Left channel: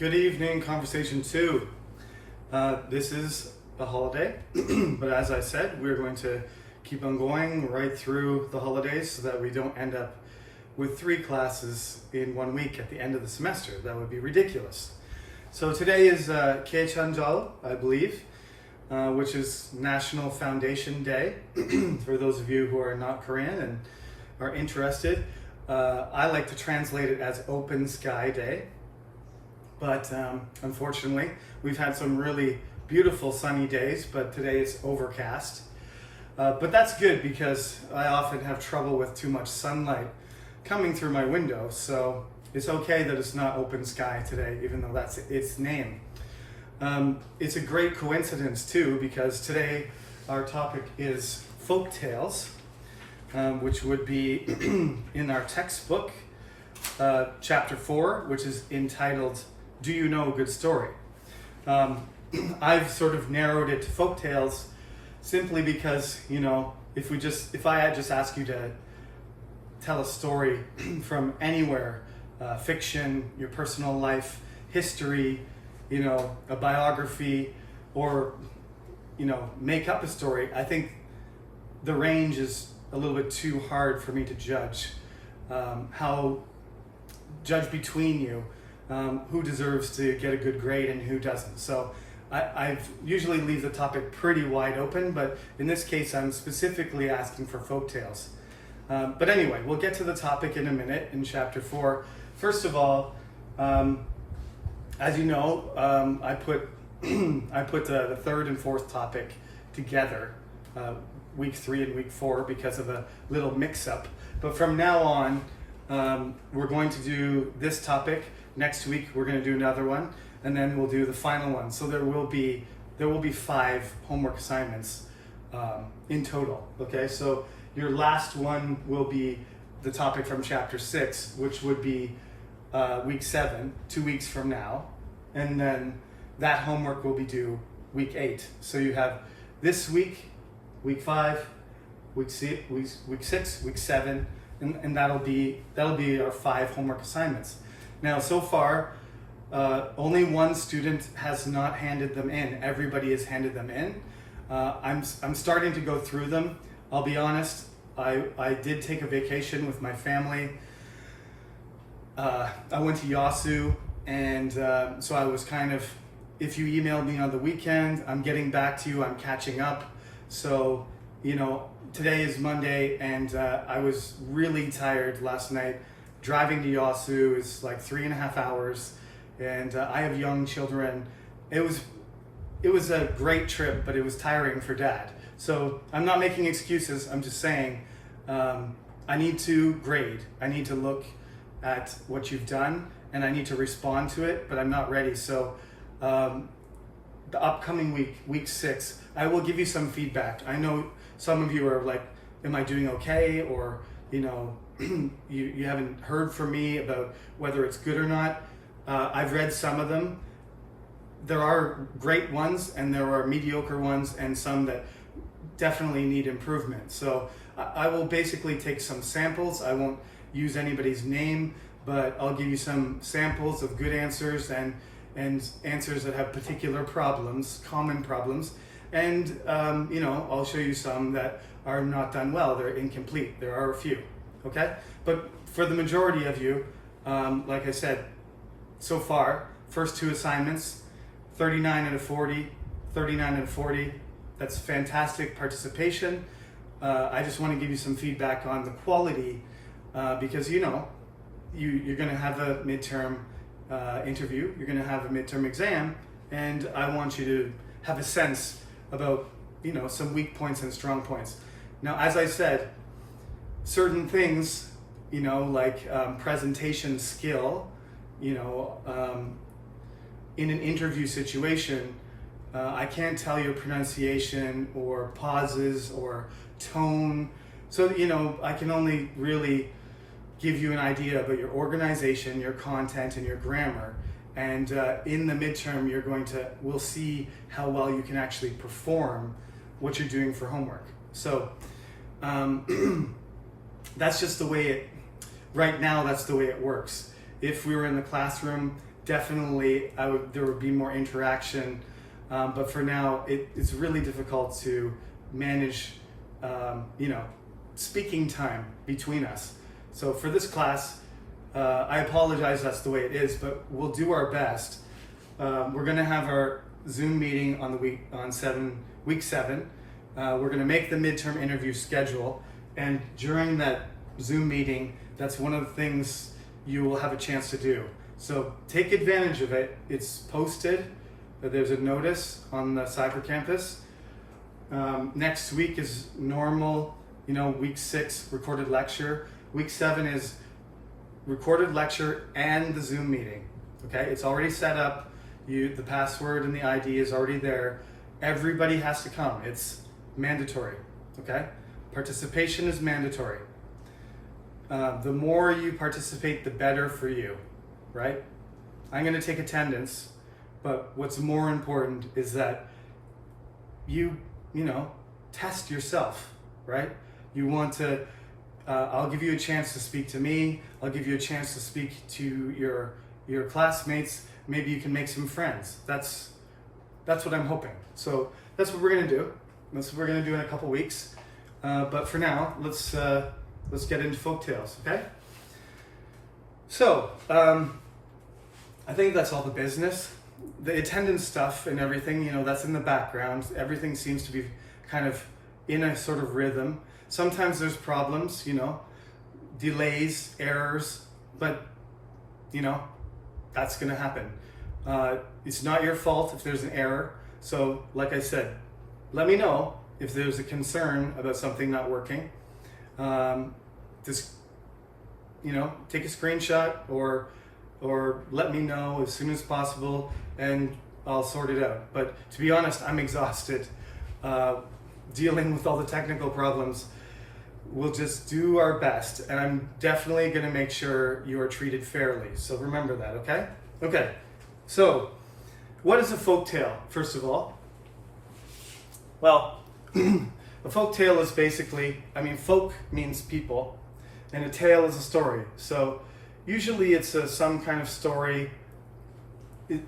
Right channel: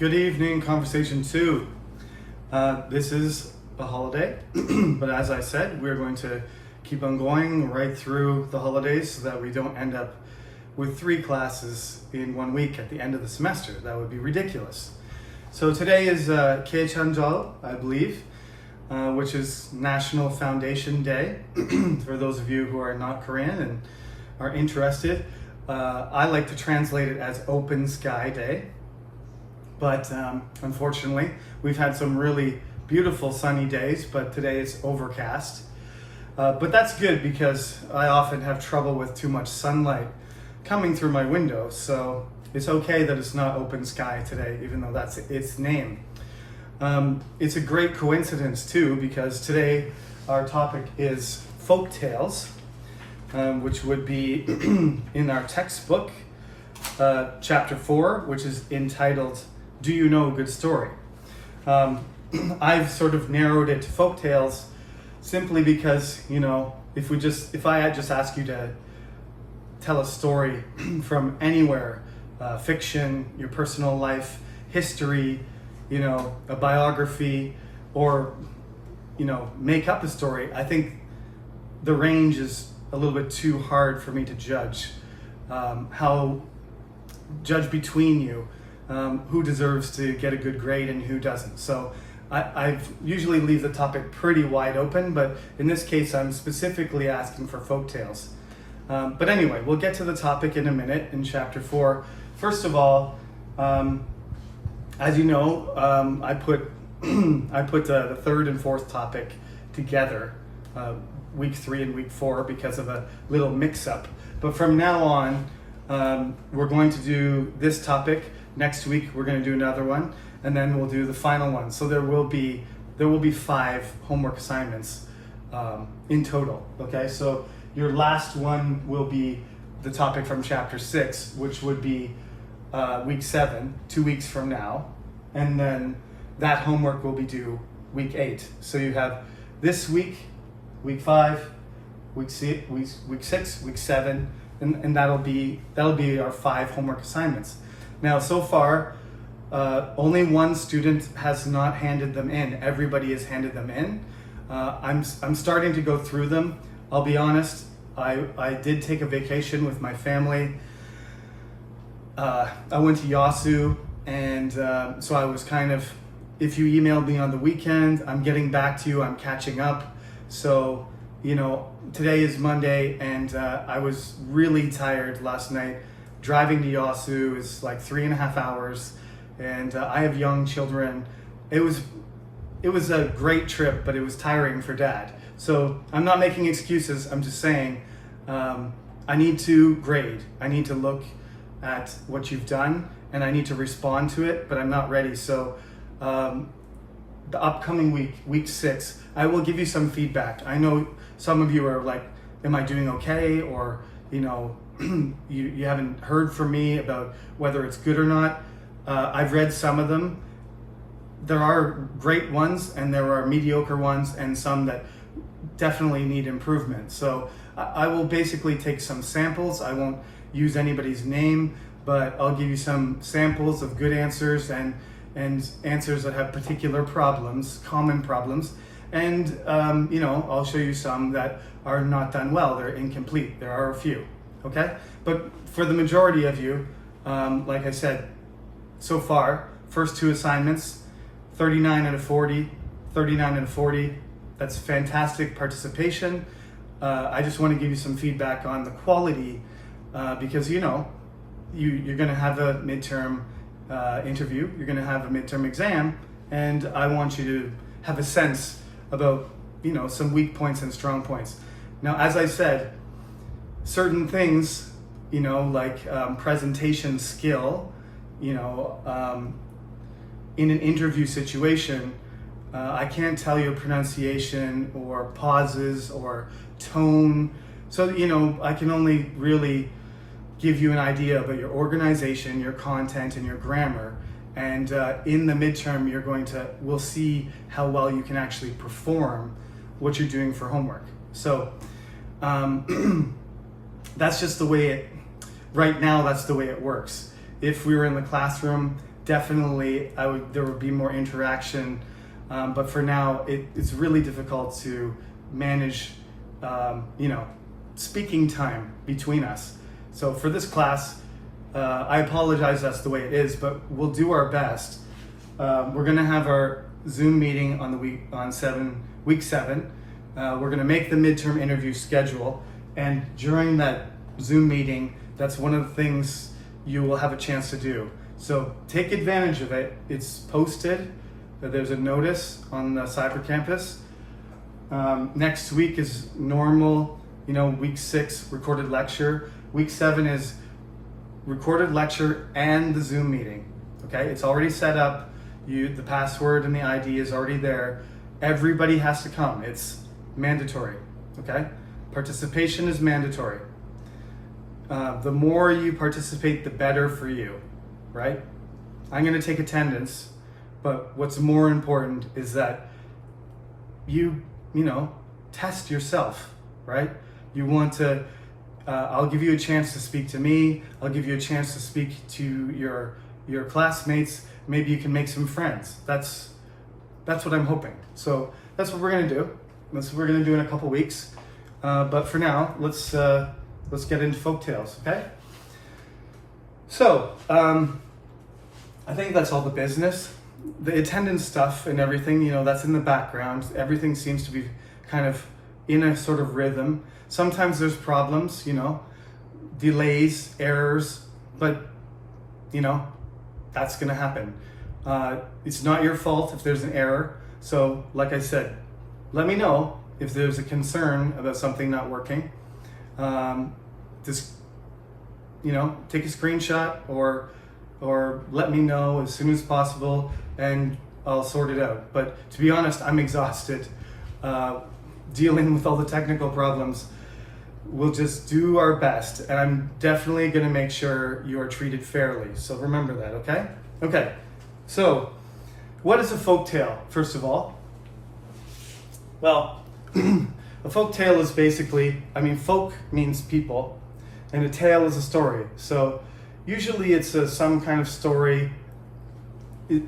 Good evening, Conversation 2. This is a holiday, but as I said, we're going to keep on going right through the holidays so that we don't end up with 3 classes in 1 week at the end of the semester. That would be ridiculous. So today is Keichanjal, I believe, which is National Foundation Day. For those of you who are not Korean and are interested, I like to translate it as Open Sky Day. But unfortunately, we've had some really beautiful sunny days, but today is overcast. But that's good because I often have trouble with too much sunlight coming through my window. So it's okay that it's not open sky today, even though that's its name. It's a great coincidence too, because today our topic is folk tales, which would be in our textbook, chapter 4, which is entitled Do You Know a Good Story? I've sort of narrowed it to folk tales simply because, if I had just asked you to tell a story from anywhere, fiction, your personal life, history, a biography, or, make up a story, I think the range is a little bit too hard for me to judge. Judge between you. Who deserves to get a good grade and who doesn't. So I've usually leave the topic pretty wide open, but in this case I'm specifically asking for folktales. But anyway, we'll get to the topic in a minute in chapter 4. First of all, as you know, I put the third and fourth topic together, week 3 and week 4, because of a little mix-up. But from now on, we're going to do this topic. Next week we're going to do another one, and then we'll do the final one. So there will be 5 homework assignments in total. Okay, so your last one will be the topic from chapter 6, which would be week 7, 2 weeks from now, and then that homework will be due week 8. So you have this week, week 5, week 6, week 7, and that'll be our 5 homework assignments. Now, so far, only one student has not handed them in. Everybody has handed them in. I'm starting to go through them. I'll be honest, I did take a vacation with my family. I went to Yasu, and so I was kind of, if you emailed me on the weekend, I'm getting back to you, I'm catching up. So, today is Monday, and I was really tired last night. Driving to Yasu is like 3.5 hours, and I have young children. It was a great trip, but it was tiring for Dad. So I'm not making excuses. I'm just saying I need to grade. I need to look at what you've done, and I need to respond to it, but I'm not ready. So the upcoming week 6, I will give you some feedback. I know some of you are like, am I doing okay? Or, you haven't heard from me about whether it's good or not. I've read some of them. There are great ones and there are mediocre ones and some that definitely need improvement. So I will basically take some samples. I won't use anybody's name, but I'll give you some samples of good answers and answers that have particular problems, common problems. And, I'll show you some that are not done well. They're incomplete. There are a few. Okay? But for the majority of you, like I said, so far, first 2 assignments, 39 out of 40, 39 out of 40. That's fantastic participation. I just want to give you some feedback on the quality because, you're going to have a midterm interview, you're going to have a midterm exam, and I want you to have a sense about, some weak points and strong points. Now, as I said, certain things, like presentation skill, in an interview situation, I can't tell your pronunciation or pauses or tone. So, I can only really give you an idea about your organization, your content, and your grammar. And in the midterm, we'll see how well you can actually perform what you're doing for homework. So that's just the way right now, that's the way it works. If we were in the classroom, definitely there would be more interaction. But for now, it's really difficult to manage, speaking time between us. So for this class, I apologize that's the way it is, but we'll do our best. We're going to have our Zoom meeting on week 7. We're going to make the midterm interview schedule, and during that Zoom meeting, that's one of the things you will have a chance to do. So take advantage of it. It's posted. There's a notice on the Cyber Campus. Next week is normal, week 6 recorded lecture. Week 7 is recorded lecture and the Zoom meeting. Okay, it's already set up. The password and the ID is already there. Everybody has to come. It's mandatory. Okay, participation is mandatory. The more you participate, the better for you, right? I'm going to take attendance, but what's more important is that you test yourself, right? You want to, I'll give you a chance to speak to me. I'll give you a chance to speak to your classmates. Maybe you can make some friends. That's what I'm hoping. So that's what we're going to do. That's what we're going to do in a couple weeks. But for now, let's get into folktales, okay? So, I think that's all the business. The attendance stuff and everything, that's in the background. Everything seems to be kind of in a sort of rhythm. Sometimes there's problems, delays, errors, but, that's gonna happen. It's not your fault if there's an error. So, like I said, let me know if there's a concern about something not working. Just, take a screenshot or let me know as soon as possible and I'll sort it out. But to be honest, I'm exhausted dealing with all the technical problems. We'll just do our best, and I'm definitely going to make sure you are treated fairly. So remember that, okay? Okay, so what is a folktale, first of all? Well, a folktale is basically, folk means people, and a tale is a story. So usually it's some kind of story. We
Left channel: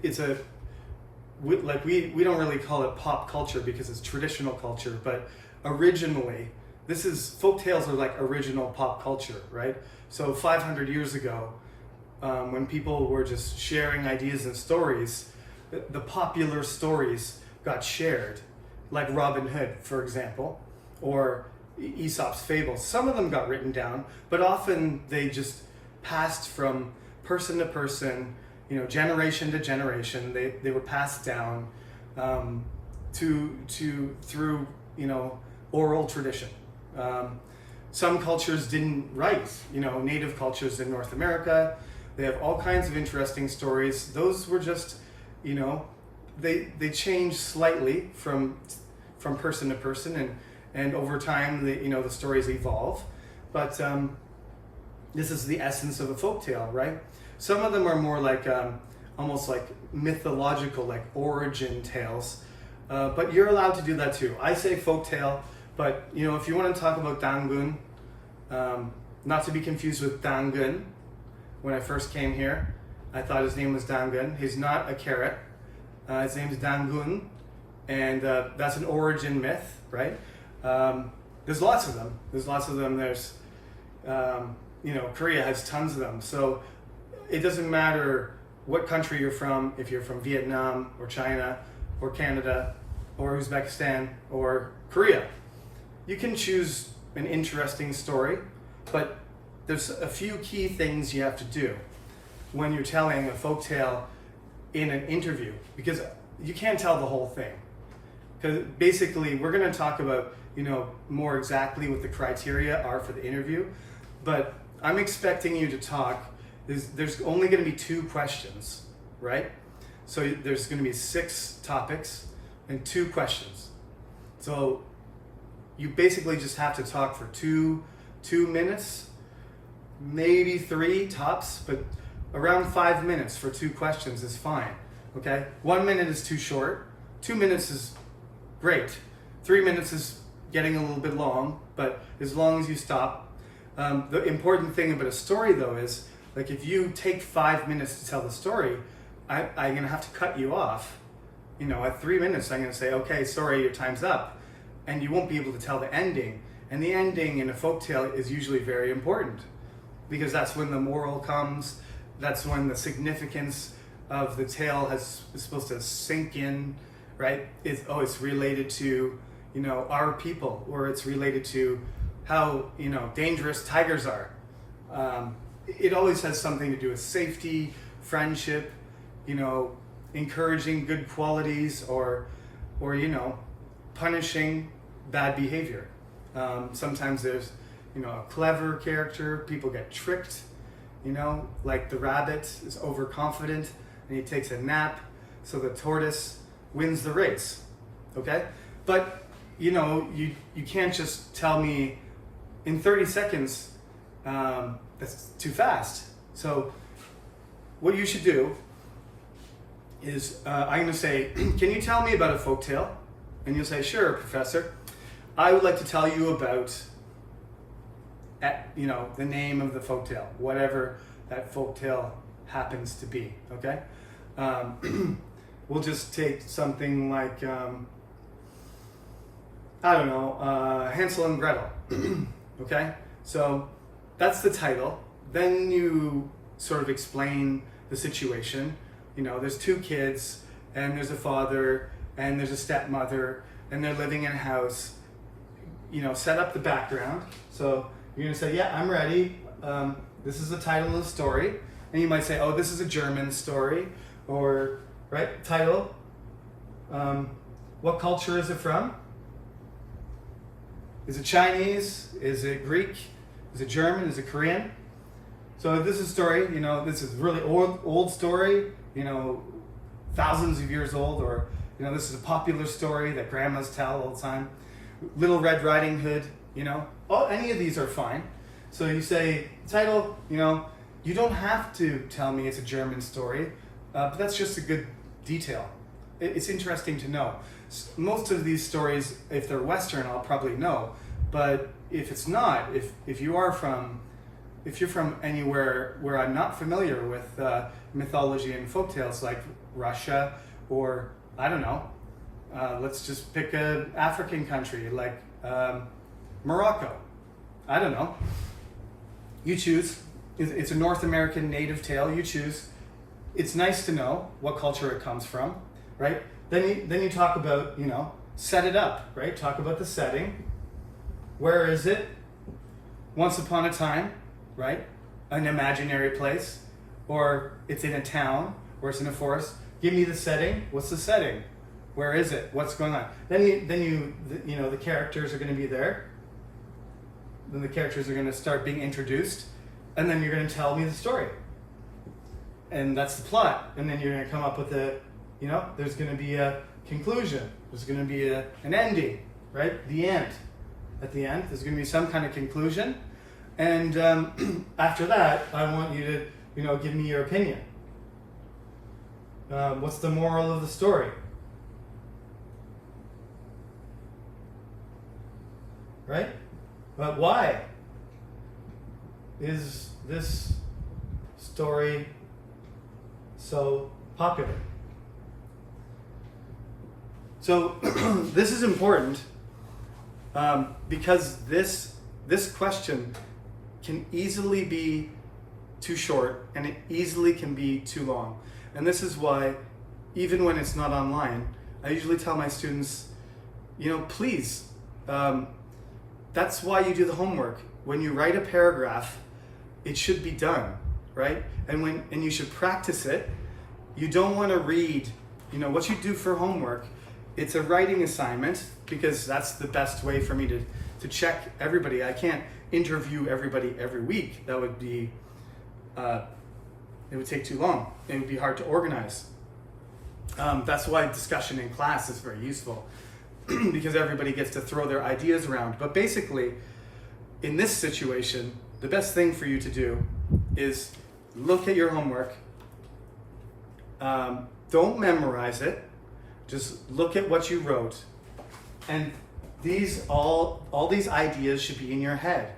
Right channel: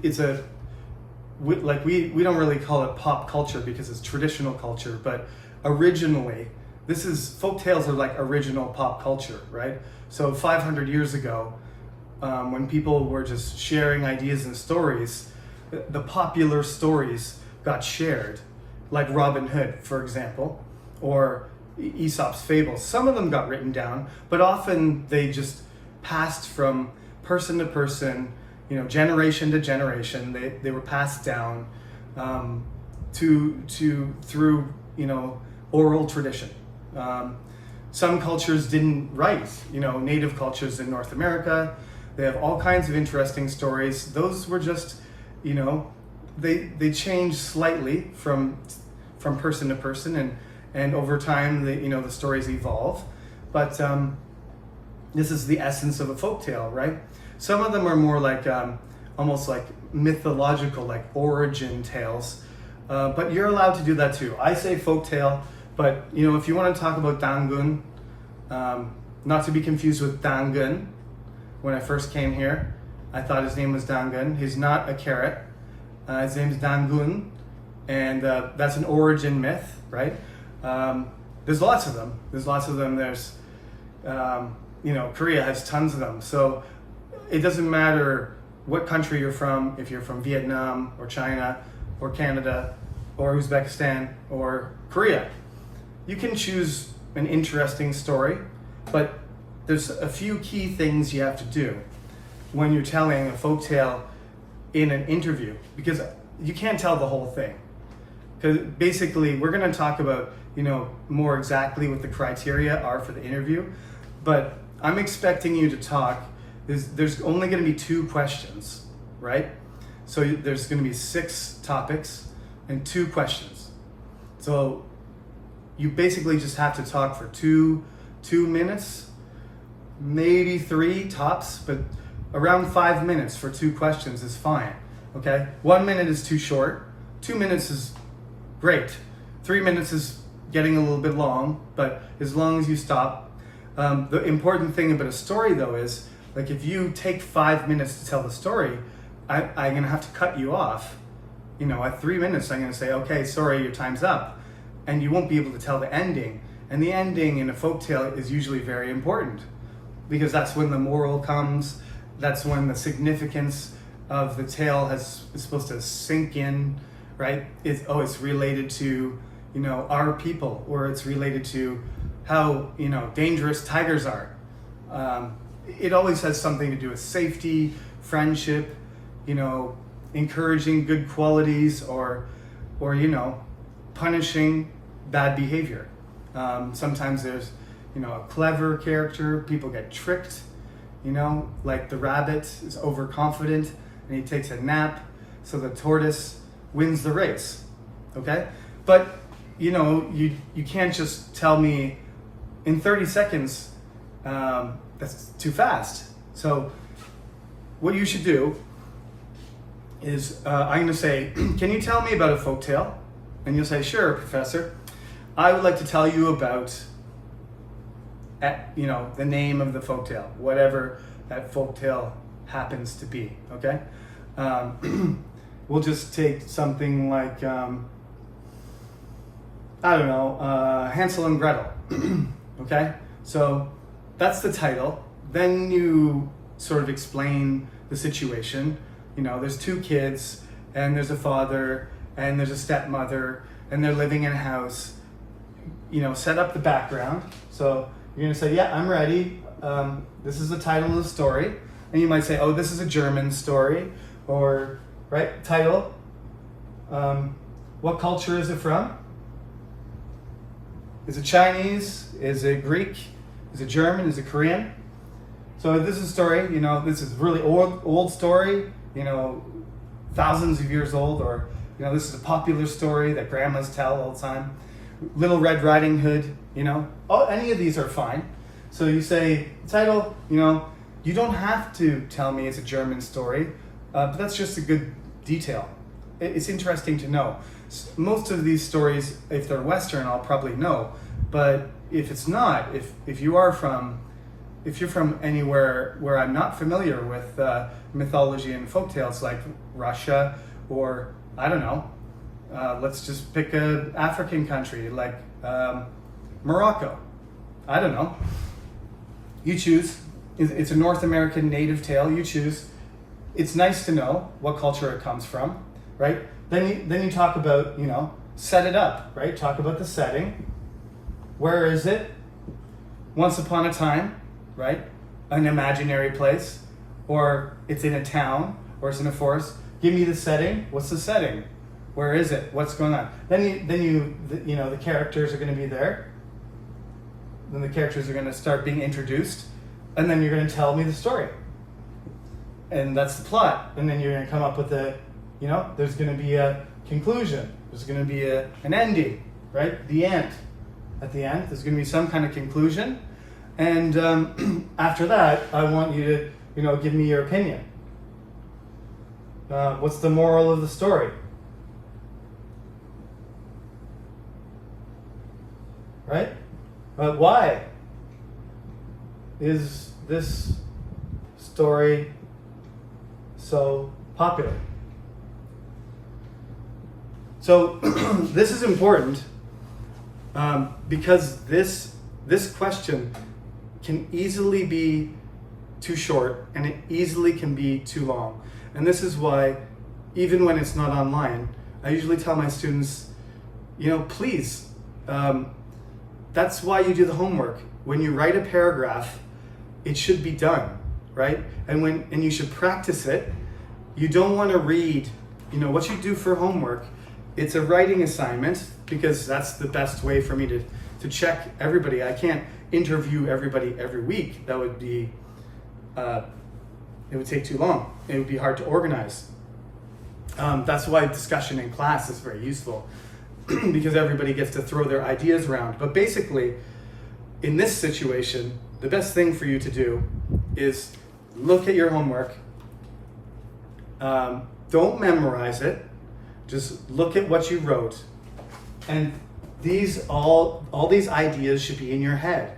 don't really call it pop culture because it's traditional culture, but originally, folktales are like original pop culture, right? So 500 years ago, when people were just sharing ideas and stories, the popular stories got shared, like Robin Hood, for example, or Aesop's fables. Some of them got written down, but often they just passed from person to person, generation to generation. They were passed down through oral tradition. Some cultures didn't write, native cultures in North America. They have all kinds of interesting stories. Those were just, they changed slightly from person to person, and over time, the stories evolve. But this is the essence of a folktale, right? Some of them are more like almost like mythological, like origin tales. But you're allowed to do that too. I say folktale, but if you want to talk about Dangun, not to be confused with Dangun. When I first came here, I thought his name was Dangun. He's not a carrot. His name is Dangun, and that's an origin myth, right? There's lots of them. There's, Korea has tons of them. So it doesn't matter what country you're from, if you're from Vietnam or China or Canada or Uzbekistan or Korea. You can choose an interesting story, but there's a few key things you have to do when you're telling a folktale in an interview, because you can't tell the whole thing. Because basically, we're going to talk about, more exactly what the criteria are for the interview, but I'm expecting you to talk. There's only going to be 2 questions, right? So there's going to be 6 topics and 2 questions. So you basically just have to talk for two minutes, maybe 3 tops, but around 5 minutes for 2 questions is fine, okay? 1 minute is too short, 2 minutes is great, 3 minutes is getting a little bit long, but as long as you stop. The important thing about a story though is, like if you take 5 minutes to tell the story, I'm gonna have to cut you off. You know, at 3 minutes, I'm gonna say, okay, sorry, your time's up. And you won't be able to tell the ending. And the ending in a folktale is usually very important because that's when the moral comes. That's when the significance of the tale is supposed to sink in, right? It's related to, you know, our people, or it's related to how, you know, dangerous tigers are. It always has something to do with safety, friendship, you know, encouraging good qualities, or you know, punishing bad behavior. Sometimes there's, you know, a clever character. People get tricked, you know, like the rabbit is overconfident and he takes a nap, so the tortoise wins the race. Okay, but you know, you can't just tell me in 30 seconds. That's too fast. So what you should do is I'm going to say, can you tell me about a folktale? And you'll say, sure, professor. I would like to tell you about, you know, the name of the folktale, whatever that folktale happens to be. Okay. We'll just take something like, I don't know, Hansel and Gretel. Okay. So that's the title. Then you sort of explain the situation. You know, there's two kids, and there's a father, and there's a stepmother, and they're living in a house. You know, set up the background. So you're gonna say, yeah, I'm ready. This is the title of the story. And you might say, oh, this is a German story, or, right, title. What culture is it from? Is it Chinese? Is it Greek? Is it German? Is it Korean? So this is a story, you know, this is really old story, you know, thousands of years old, or, you know, this is a popular story that grandmas tell all the time. Little Red Riding Hood, you know, any of these are fine. So you say, title, you know, you don't have to tell me it's a German story, but that's just a good detail. It's interesting to know. Most of these stories, if they're Western, I'll probably know. But if it's not, if you're from anywhere where I'm not familiar with mythology and folktales, like Russia, or I don't know, let's just pick an African country like Morocco. I don't know. You choose. It's a North American native tale. You choose. It's nice to know what culture it comes from, right? Then you talk about, you know, set it up, right? Talk about the setting. Where is it? Once upon a time, right? An imaginary place, or it's in a town, or it's in a forest. Give me the setting. What's the setting? Where is it? What's going on? Then you know, the characters are going to be there. Then the characters are going to start being introduced, and then you're going to tell me the story. And that's the plot. And then you're going to come up with you know, there's going to be a conclusion. There's going to be an ending, right? The end. At the end, there's going to be some kind of conclusion. And after that, I want you to, you know, give me your opinion. What's the moral of the story? Right? But why is this story so popular? So this is important because this question can easily be too short, and it easily can be too long. And this is why, even when it's not online, I usually tell my students, you know, please, that's why you do the homework. When you write a paragraph, it should be done, right? And you should practice it. You don't want to read, you know, what you do for homework. It's a writing assignment because that's the best way for me to check everybody. I can't interview everybody every week. That would be, it would take too long. It would be hard to organize. That's why discussion in class is very useful because everybody gets to throw their ideas around. But basically, in this situation, the best thing for you to do is look at your homework. Don't memorize it. Just look at what you wrote. And all these ideas should be in your head.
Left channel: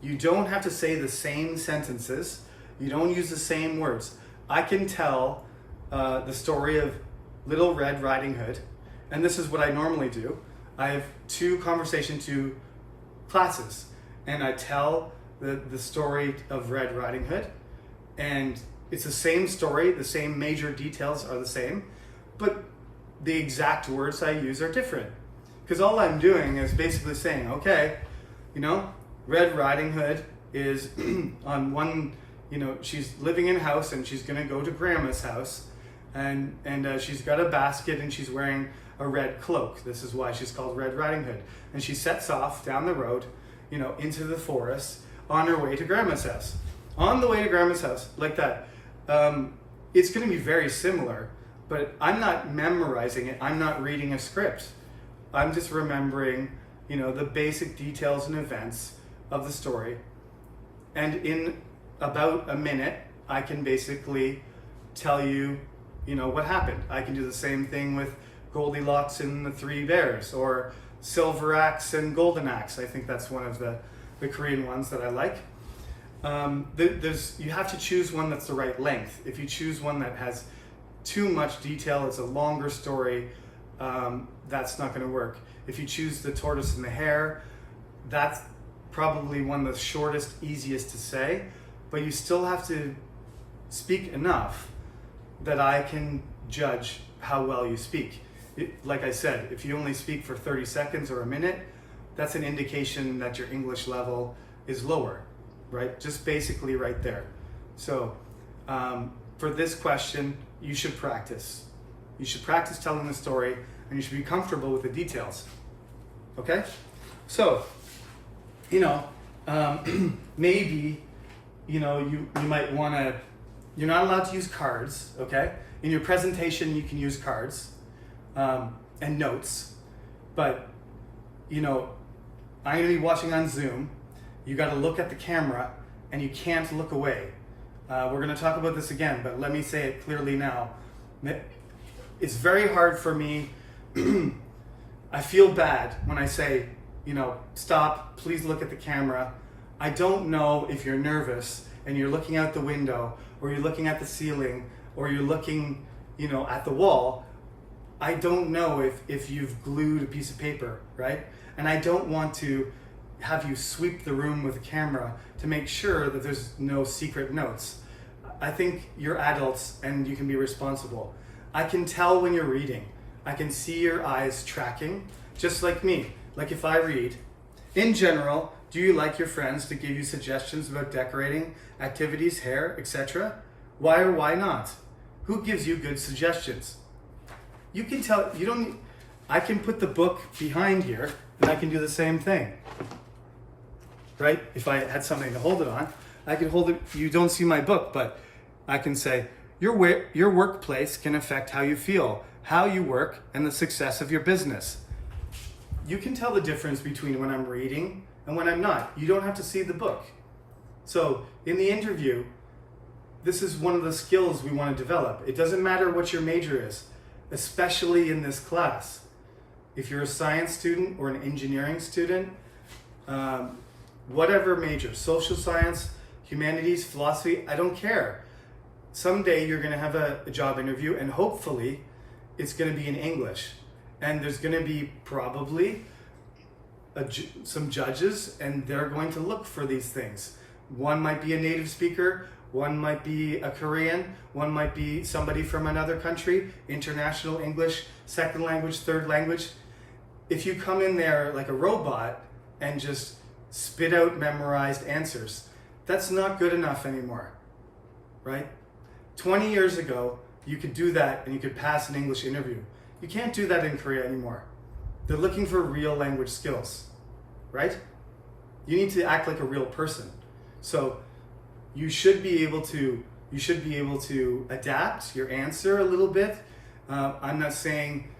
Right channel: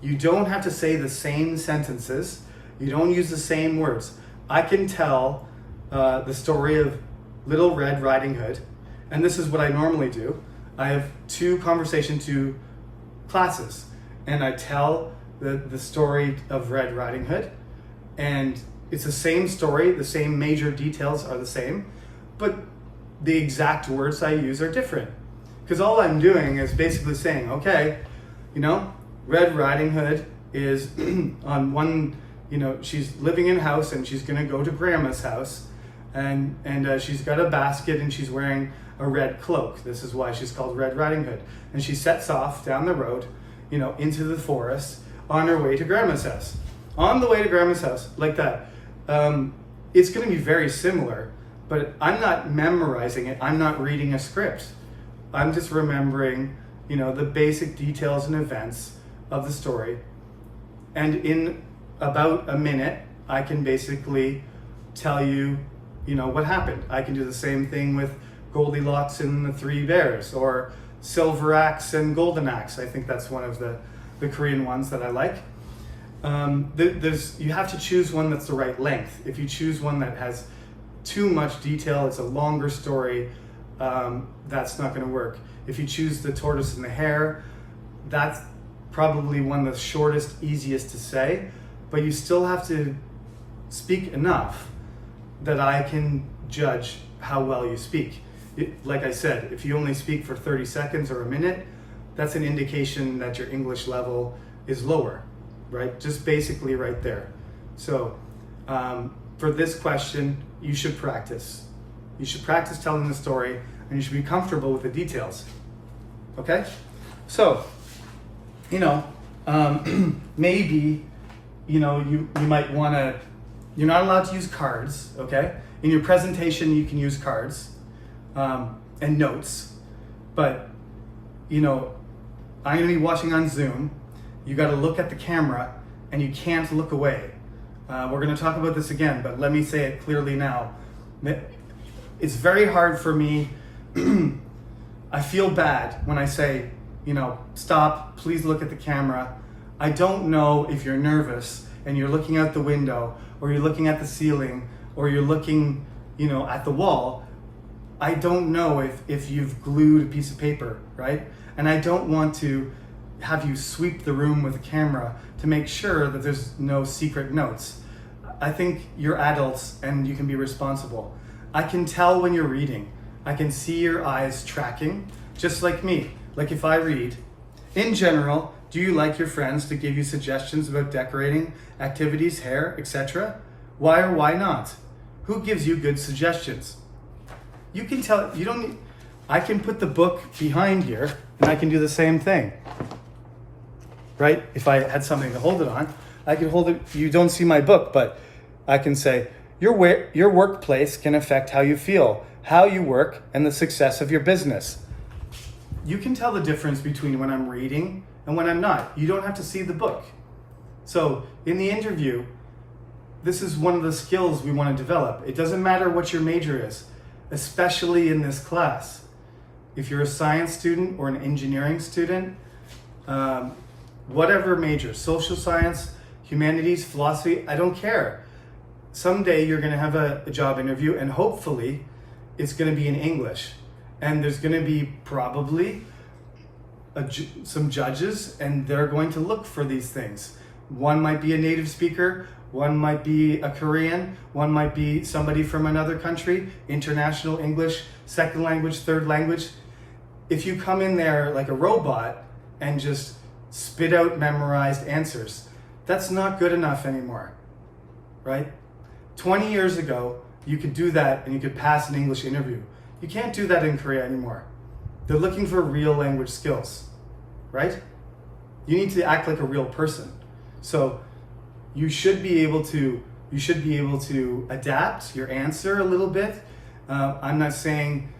You don't have to say the same sentences. You don't use the same words. I can tell the story of Little Red Riding Hood, and this is what I normally do. I have two classes, and I tell the story of Red Riding Hood, and it's the same story, the same major details are the same, but the exact words I use are different. Because all I'm doing is basically saying, okay, Red Riding Hood is on one, she's living in a house and she's gonna go to grandma's house, and she's got a basket and she's wearing a red cloak. This is why she's called Red Riding Hood. And she sets off down the road, into the forest on her way to grandma's house. On the way to grandma's house, like that. It's gonna be very similar, but I'm not memorizing it. I'm not reading a script. I'm just remembering, the basic details and events of the story. And in about a minute, I can basically tell you, what happened. I can do the same thing with Goldilocks and the Three Bears, or Silver Axe and Golden Axe. I think that's one of the Korean ones that I like. You have to choose one that's the right length. If you choose one that has too much detail, it's a longer story, that's not going to work. If you choose the Tortoise and the Hare, that's probably one of the shortest, easiest to say, but you still have to speak enough that I can judge how well you speak. Like I said, if you only speak for 30 seconds or a minute, that's an indication that your English level is lower, right? Just basically right there. So for this question, you should practice. You should practice telling the story, and you should be comfortable with the details. Okay? So, maybe, you might want to, you're not allowed to use cards, okay? In your presentation, you can use cards and notes, but, I'm going to be watching on Zoom. You got to look at the camera, and you can't look away. We're going to talk about this again, but let me say it clearly now. It's very hard for me. I feel bad when I say, stop, please look at the camera. I don't know if you're nervous and you're looking out the window, or you're looking at the ceiling, or you're looking, at the wall. I don't know if you've glued a piece of paper, right? And I don't want to have you sweep the room with a camera to make sure that there's no secret notes. I think you're adults and you can be responsible. I can tell when you're reading. I can see your eyes tracking, just like me. Like if I read, in general, do you like your friends to give you suggestions about decorating, activities, hair, etc.? Why or why not? Who gives you good suggestions? You can tell, I can put the book behind here and I can do the same thing. Right? If I had something to hold it on, I could hold it. You don't see my book, but I can say, your workplace can affect how you feel, how you work, and the success of your business. You can tell the difference between when I'm reading and when I'm not. You don't have to see the book. So in the interview, this is one of the skills we want to develop. It doesn't matter what your major is, especially in this class. If you're a science student or an engineering student, whatever major, social science, humanities, philosophy, I don't care. Someday you're going to have a job interview, and hopefully it's going to be in English. And there's going to be probably some judges, and they're going to look for these things. One might be a native speaker, one might be a Korean, one might be somebody from another country, international English, second language, third language. If you come in there like a robot and just spit out memorized answers, that's not good enough anymore, right? 20 years ago, you could do that and you could pass an English interview. You can't do that in Korea anymore. They're looking for real language skills, right? You need to act like a real person. So you should be able to adapt your answer a little bit. I'm not saying,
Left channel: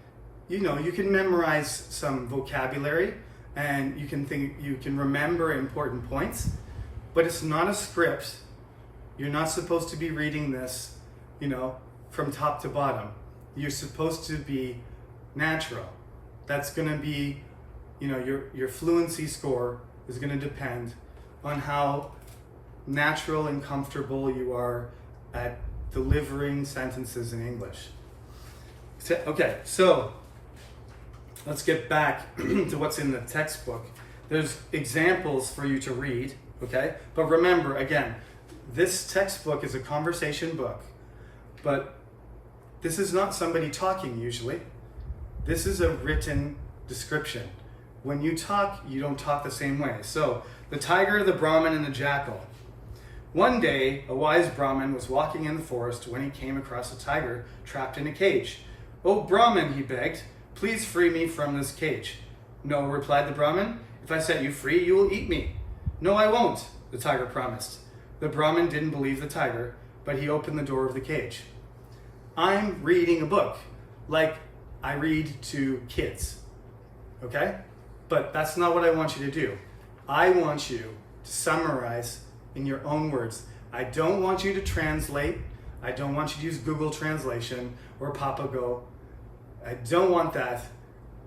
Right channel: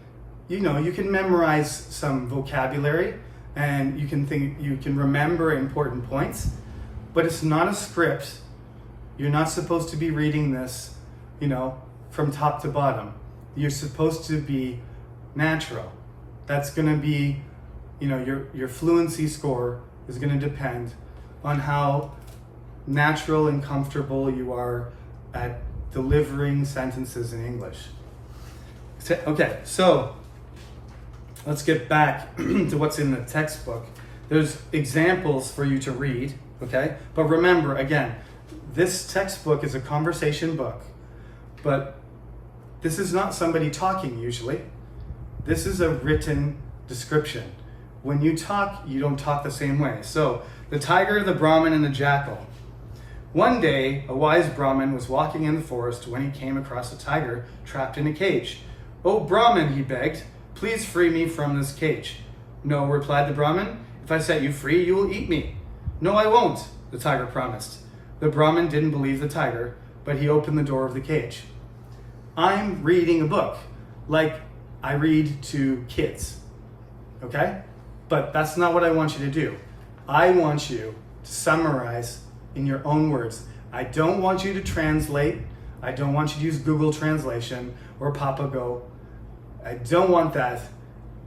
you can memorize some vocabulary and you can remember important points, but it's not a script. You're not supposed to be reading this, from top to bottom. You're supposed to be natural. That's going to be, your fluency score is going to depend on how natural and comfortable you are at delivering sentences in English. Okay, so let's get back to what's in the textbook. There's examples for you to read, okay? But remember, again, this textbook is a conversation book, but this is not somebody talking usually. This is a written description. When you talk, you don't talk the same way. So, the tiger, the Brahmin, and the jackal. One day, a wise Brahmin was walking in the forest when he came across a tiger trapped in a cage. "Oh, Brahmin," he begged, "please free me from this cage." "No," replied the Brahmin. "If I set you free, you will eat me." "No, I won't," the tiger promised. The Brahmin didn't believe the tiger, but he opened the door of the cage. I'm reading a book like I read to kids, okay? But that's not what I want you to do. I want you to summarize in your own words. I don't want you to translate. I don't want you to use Google Translation or Papago. I don't want that.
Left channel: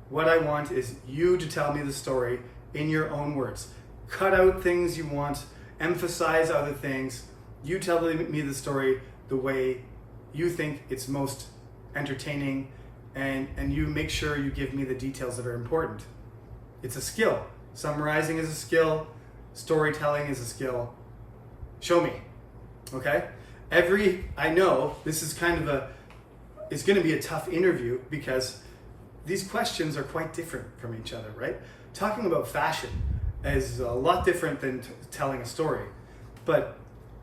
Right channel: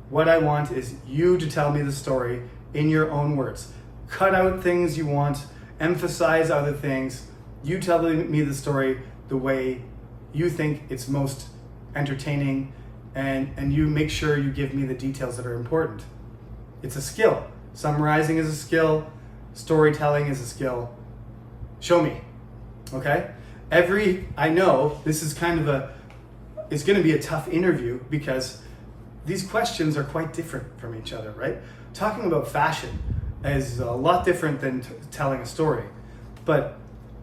What I want is you to tell me the story in your own words. Cut out things you want, emphasize other things. You tell me the story the way you think it's most entertaining, and you make sure you give me the details that are important. It's a skill. Summarizing is a skill. Storytelling is a skill. Show me, okay? I know this is it's gonna be a tough interview because these questions are quite different from each other, right? Talking about fashion is a lot different than telling a story. But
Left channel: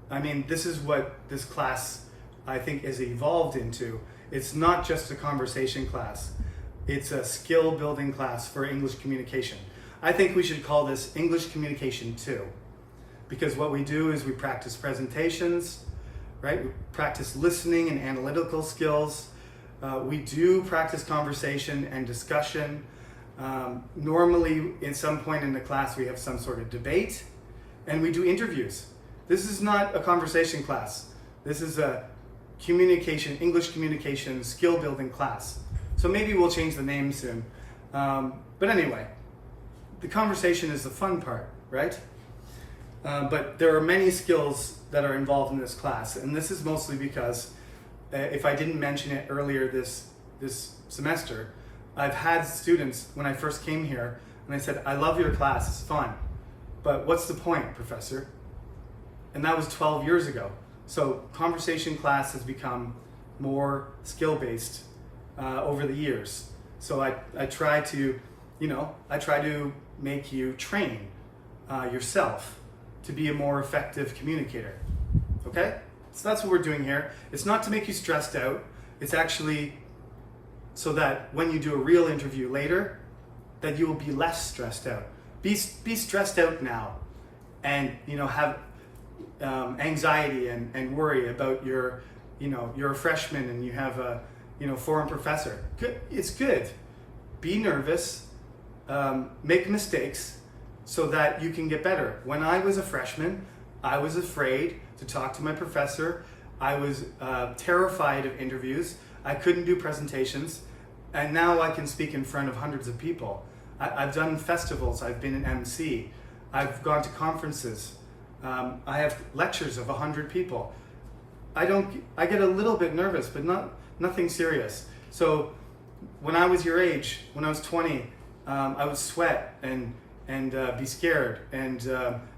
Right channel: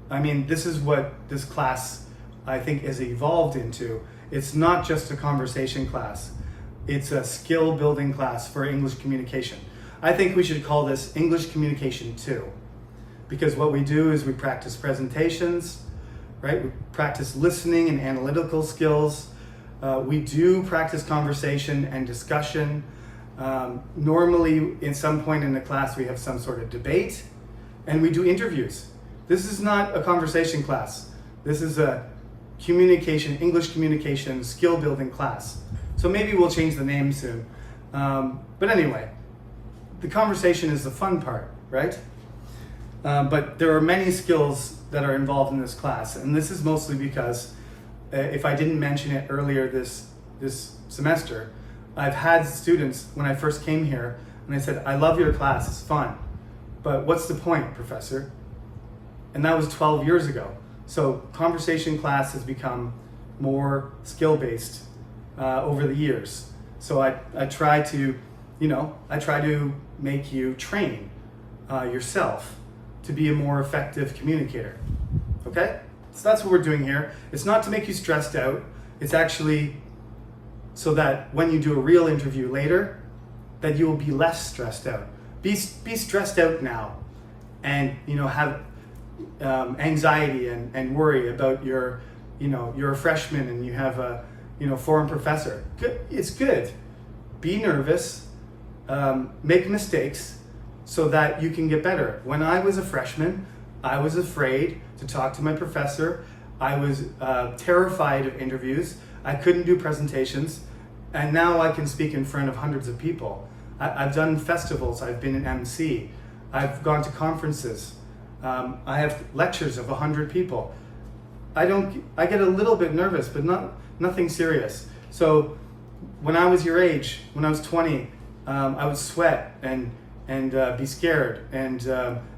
I mean, this is what this class, I think, is evolved into. It's not just a conversation class. It's a skill building class for English communication. I think we should call this English Communication 2, because what we do is we practice presentations, right? We practice listening and analytical skills. We do practice conversation and discussion. Normally, in some point in the class, we have some sort of debate, and we do interviews. This is not a conversation class. This is a English communication skill building class. So maybe we'll change the name soon. But anyway, the conversation is the fun part, right? But there are many skills that are involved in this class, and this is mostly because if I didn't mention it earlier this semester, I've had students when I first came here, and they said, "I love your class, it's fun, but what's the point, professor?" And that was 12 years ago. So conversation class has become more skill-based over the years. So I try to make you train yourself to be a more effective communicator, okay? So that's what we're doing here. It's not to make you stressed out. It's actually so that when you do a real interview later, that you will be less stressed out. Be stressed out now, and have anxiety and worry about you're a freshman and you have a foreign professor. Good, it's good. Be nervous, make mistakes, so that you can get better. When I was a freshman, I was afraid to talk to my professor. I was terrified of interviews. I couldn't do presentations, and now I can speak in front of hundreds of people. I've done festivals. I've been an MC. I've gone to conferences. I have lectures of 100 people. I get a little bit nervous, but nothing serious. So when I was your age, when I was 20, I would sweat and be scared and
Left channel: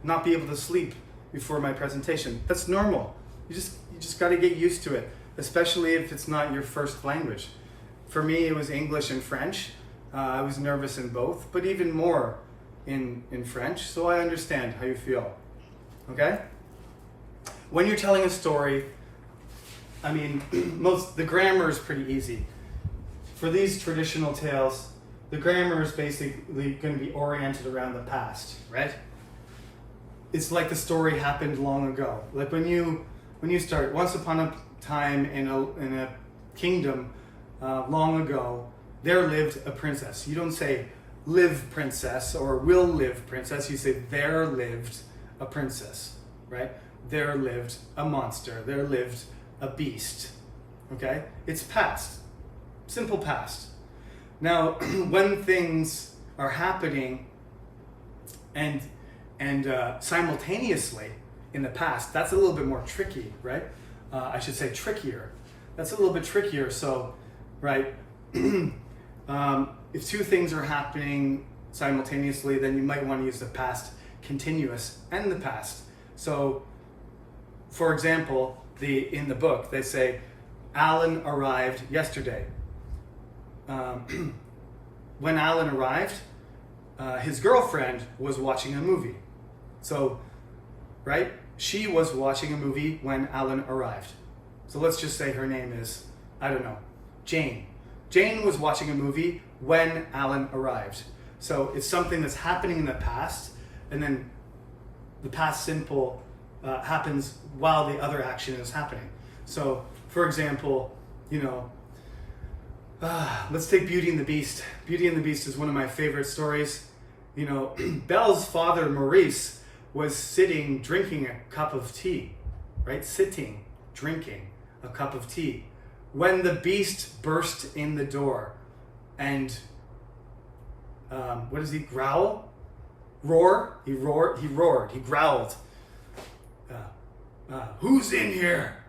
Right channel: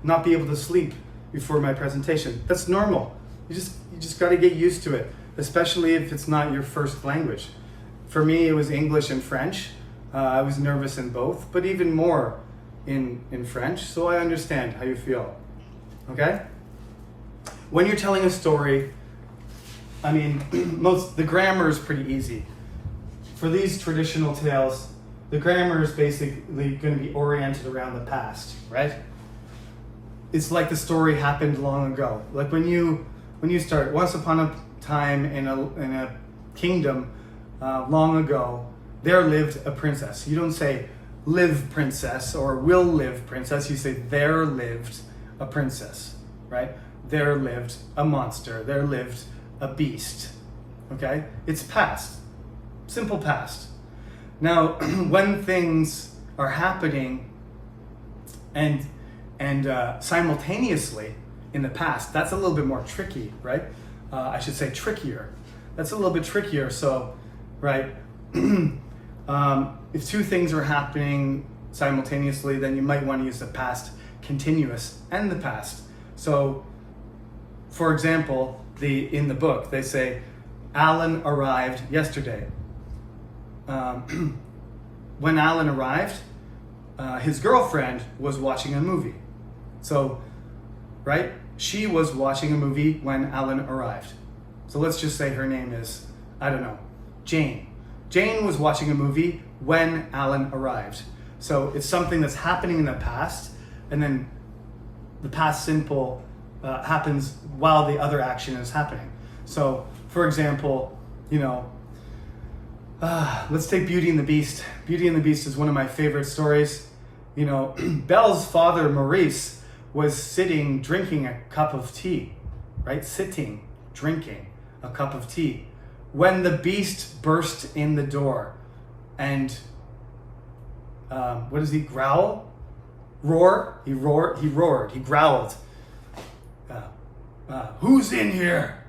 not be able to sleep before my presentation. That's normal. You just got to get used to it, especially if it's not your first language. For me, it was English and French. I was nervous in both, but even more in French. So I understand how you feel. Okay? When you're telling a story, I mean, the grammar is pretty easy. For these traditional tales, the grammar is basically going to be oriented around the past, right? It's like the story happened long ago. Like when you start, once upon a time in a kingdom long ago, there lived a princess. You don't say live princess or will live princess. You say there lived a princess, right? There lived a monster. There lived a beast. Okay? It's past. Simple past. Now, when things are happening and simultaneously in the past, that's a little bit more tricky, right? I should say trickier. That's a little bit trickier. So, right, if two things are happening simultaneously, then you might want to use the past continuous and the past. So, for example, in the book, they say, Alan arrived yesterday. When Alan arrived, his girlfriend was watching a movie. So, right, she was watching a movie when Alan arrived. So let's just say her name is, I don't know, Jane. Jane was watching a movie when Alan arrived. So it's something that's happening in the past, and then the past simple happens while the other action is happening. So, for example, let's take Beauty and the Beast. Beauty and the Beast is one of my favorite stories. Belle's father, Maurice, was sitting drinking a cup of tea, right? Sitting, drinking a cup of tea, when the Beast burst in the door. And what does he growl? Roar? He roared. He growled. Who's in here?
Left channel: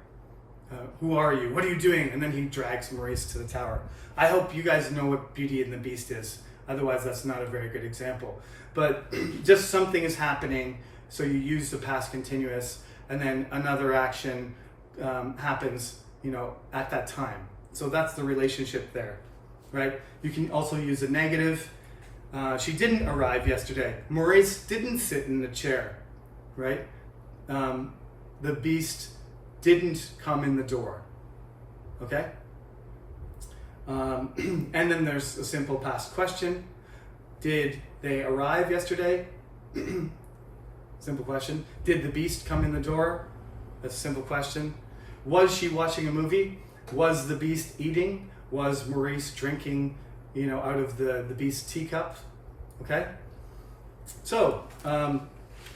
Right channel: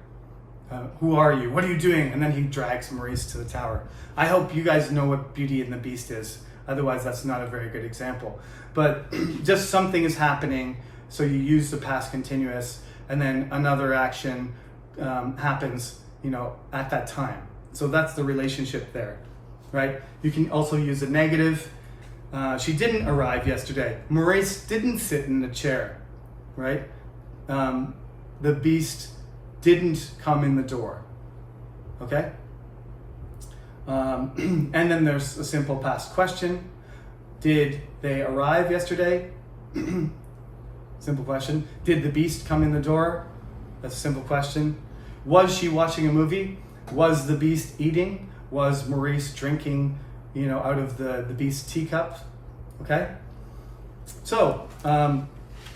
Who are you? What are you doing? And then he drags Maurice to the tower. I hope you guys know what Beauty and the Beast is. Otherwise, that's not a very good example. But just something is happening, so you use the past continuous, and then another action happens, at that time. So that's the relationship there, right? You can also use a negative. She didn't arrive yesterday. Maurice didn't sit in the chair, right? The Beast didn't come in the door, okay? And then there's a simple past question. Did they arrive yesterday? Simple question. Did the Beast come in the door? That's a simple question. Was she watching a movie? Was the Beast eating? Was Maurice drinking, out of the Beast's teacup? Okay? So,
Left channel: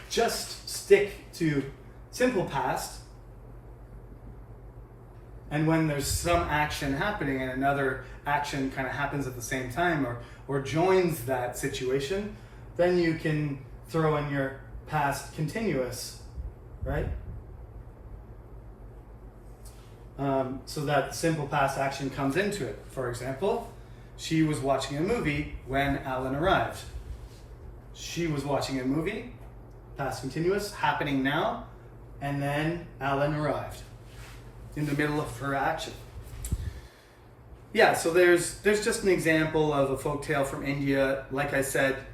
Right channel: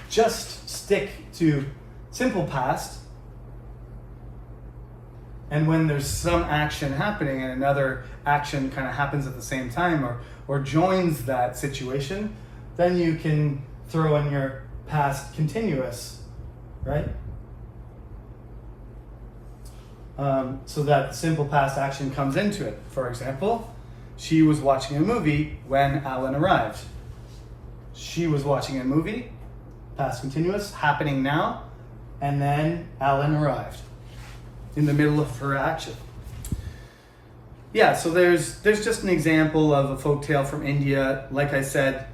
just stick to simple past. And when there's some action happening and another action kind of happens at the same time or joins that situation, then you can throw in your past continuous, right? So that the simple past action comes into it. For example, she was watching a movie when Alan arrived. She was watching a movie, past continuous, happening now, and then Alan arrived in the middle of her action. Yeah, so there's just an example of a folktale from India. Like I said,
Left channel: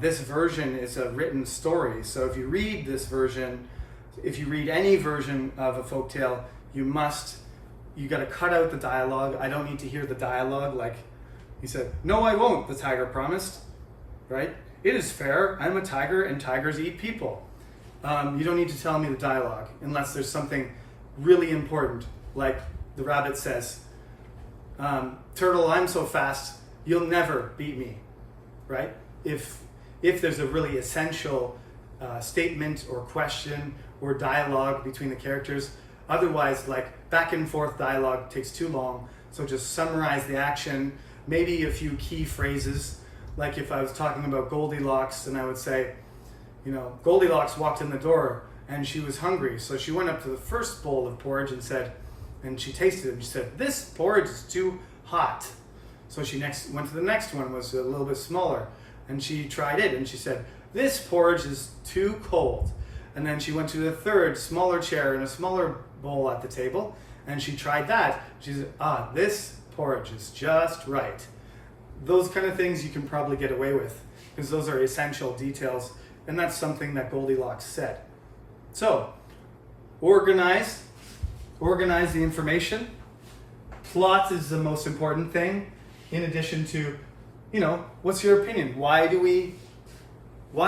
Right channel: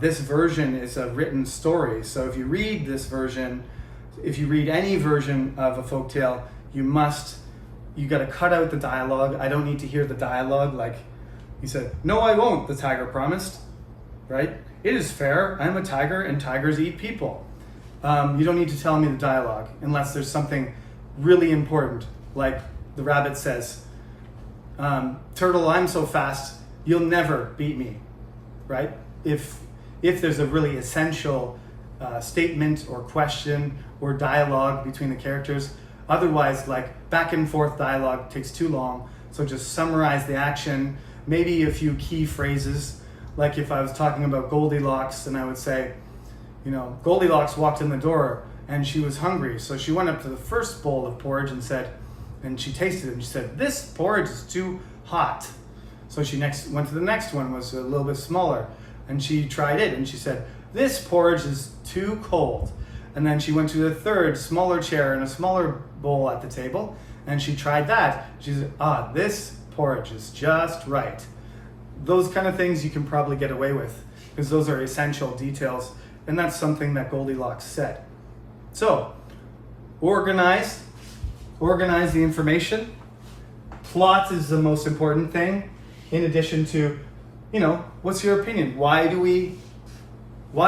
this version is a written story. So if you read this version, if you read any version of a folktale, you got to cut out the dialogue. I don't need to hear the dialogue. Like he said, "No, I won't," the tiger promised, right? "It is fair. I'm a tiger and tigers eat people." You don't need to tell me the dialogue unless there's something really important. Like the rabbit says, "Turtle, I'm so fast, you'll never beat me," right? If there's a really essential statement or question or dialogue between the characters. Otherwise, like back and forth dialogue takes too long. So just summarize the action, maybe a few key phrases. Like if I was talking about Goldilocks and I would say, Goldilocks walked in the door and she was hungry. So she went up to the first bowl of porridge and she tasted it and she said, "This porridge is too hot." So she went to the next one, was a little bit smaller, and she tried it and she said, "This porridge is too cold." And then she went to the third smaller chair and a smaller bowl at the table and she tried that. She said, "This porridge is just right." Those kind of things you can probably get away with because those are essential details, and that's something that Goldilocks said. So, organize the information. Plot is the most important thing, in addition to, what's your opinion? Why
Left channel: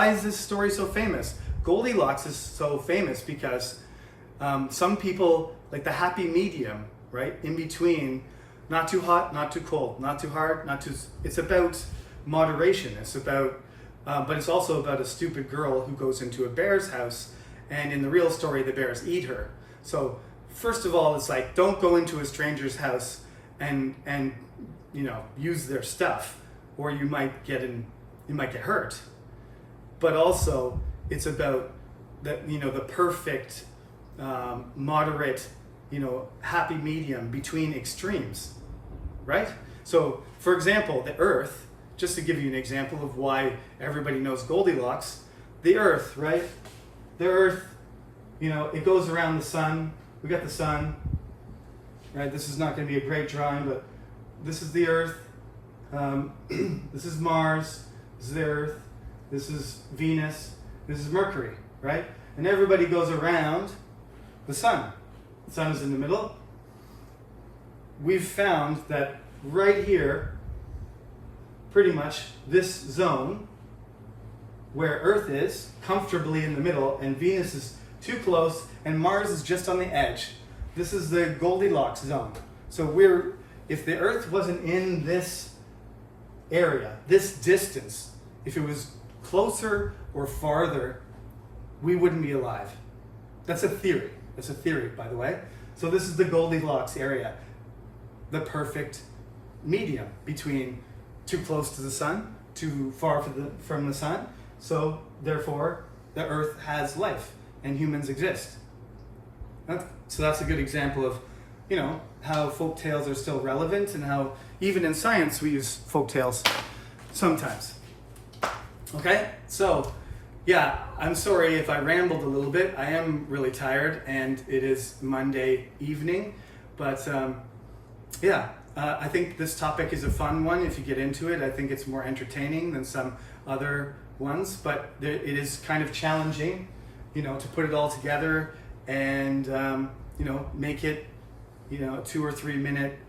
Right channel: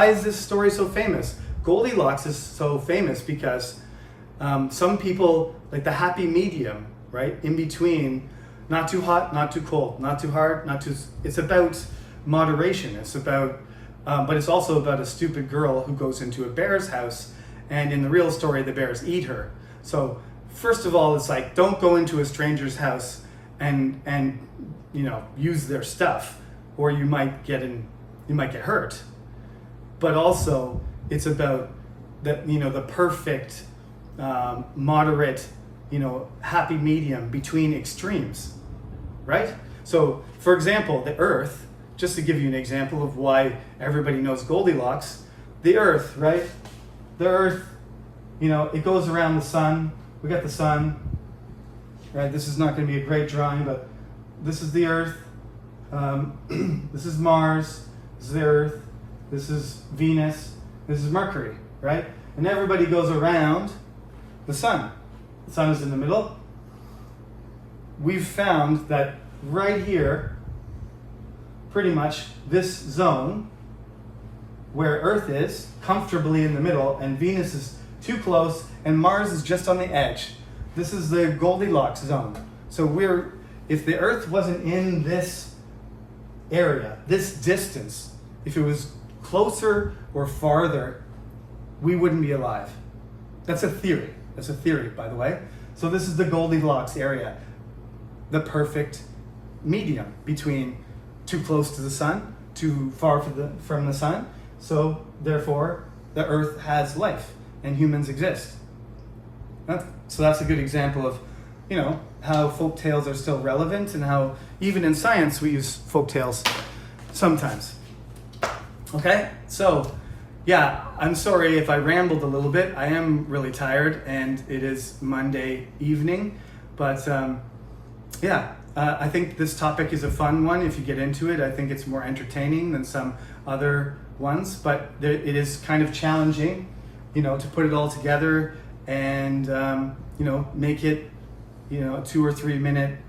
is this story so famous? Goldilocks is so famous because some people like the happy medium, right? In between, not too hot, not too cold, not too hard, it's about moderation. It's about, but it's also about a stupid girl who goes into a bear's house, and in the real story, the bears eat her. So first of all, it's like, don't go into a stranger's house and use their stuff, or you might get hurt. But also, it's about that, the perfect, moderate happy medium between extremes, right? So, for example, the Earth, just to give you an example of why everybody knows Goldilocks, the Earth, right? The Earth, it goes around the sun. We got the sun, right? This is not going to be a great drawing, but this is the Earth. This is Mars. This is the Earth. This is Venus. This is Mercury, right? And everybody goes around the sun. The sun is in the middle. We've found that right here, pretty much this zone where Earth is comfortably in the middle and Venus is too close and Mars is just on the edge. This is the Goldilocks zone. So if the Earth wasn't in this area, this distance, if it was closer or farther, we wouldn't be alive. That's a theory. That's a theory, by the way. So this is the Goldilocks area, the perfect medium between too close to the sun, too far from the sun. So therefore, the Earth has life and humans exist. So that's a good example of, how folk tales are still relevant and how even in science we use folk tales sometimes. Okay, so yeah, I'm sorry if I rambled a little bit. I am really tired and it is Monday evening, but I think this topic is a fun one if you get into it. I think it's more entertaining than some other ones, but it is kind of challenging, to put it all together and, make it, 2 or 3 minute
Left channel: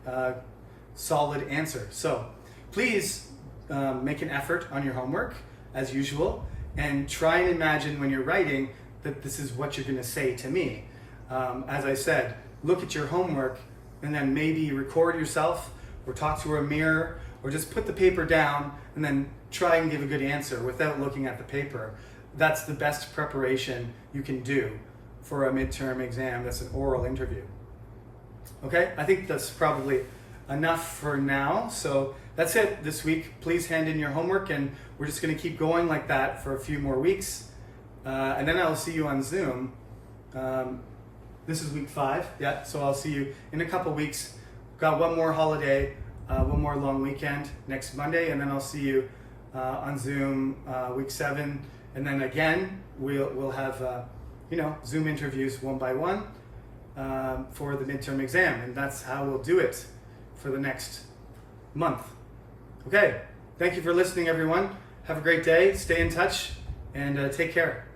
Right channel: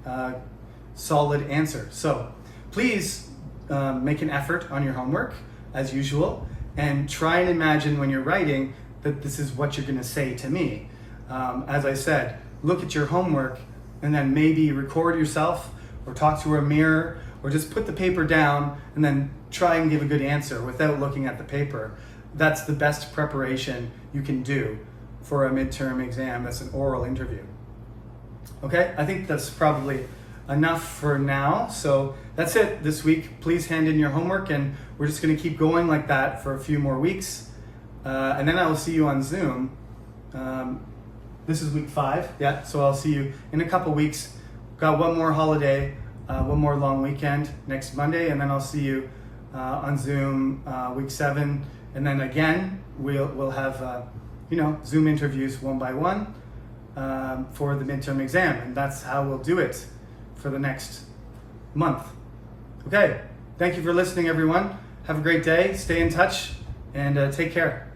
solid answer. So please make an effort on your homework as usual and try and imagine when you're writing that this is what you're going to say to me. As I said, look at your homework and then maybe record yourself or talk to a mirror or just put the paper down and then try and give a good answer without looking at the paper. That's the best preparation you can do for a midterm exam. That's an oral interview. Okay, I think that's probably enough for now. So that's it this week. Please hand in your homework and we're just going to keep going like that for a few more weeks. And then I will see you on Zoom. This is week 5, yeah, so I'll see you in a couple weeks. Got one more holiday, one more long weekend next Monday, and then I'll see you on Zoom week 7. And then again, we'll have Zoom interviews one by one for the midterm exam, and that's how we'll do it for the next month. Okay, thank you for listening, everyone. Have a great day, stay in touch, and take care.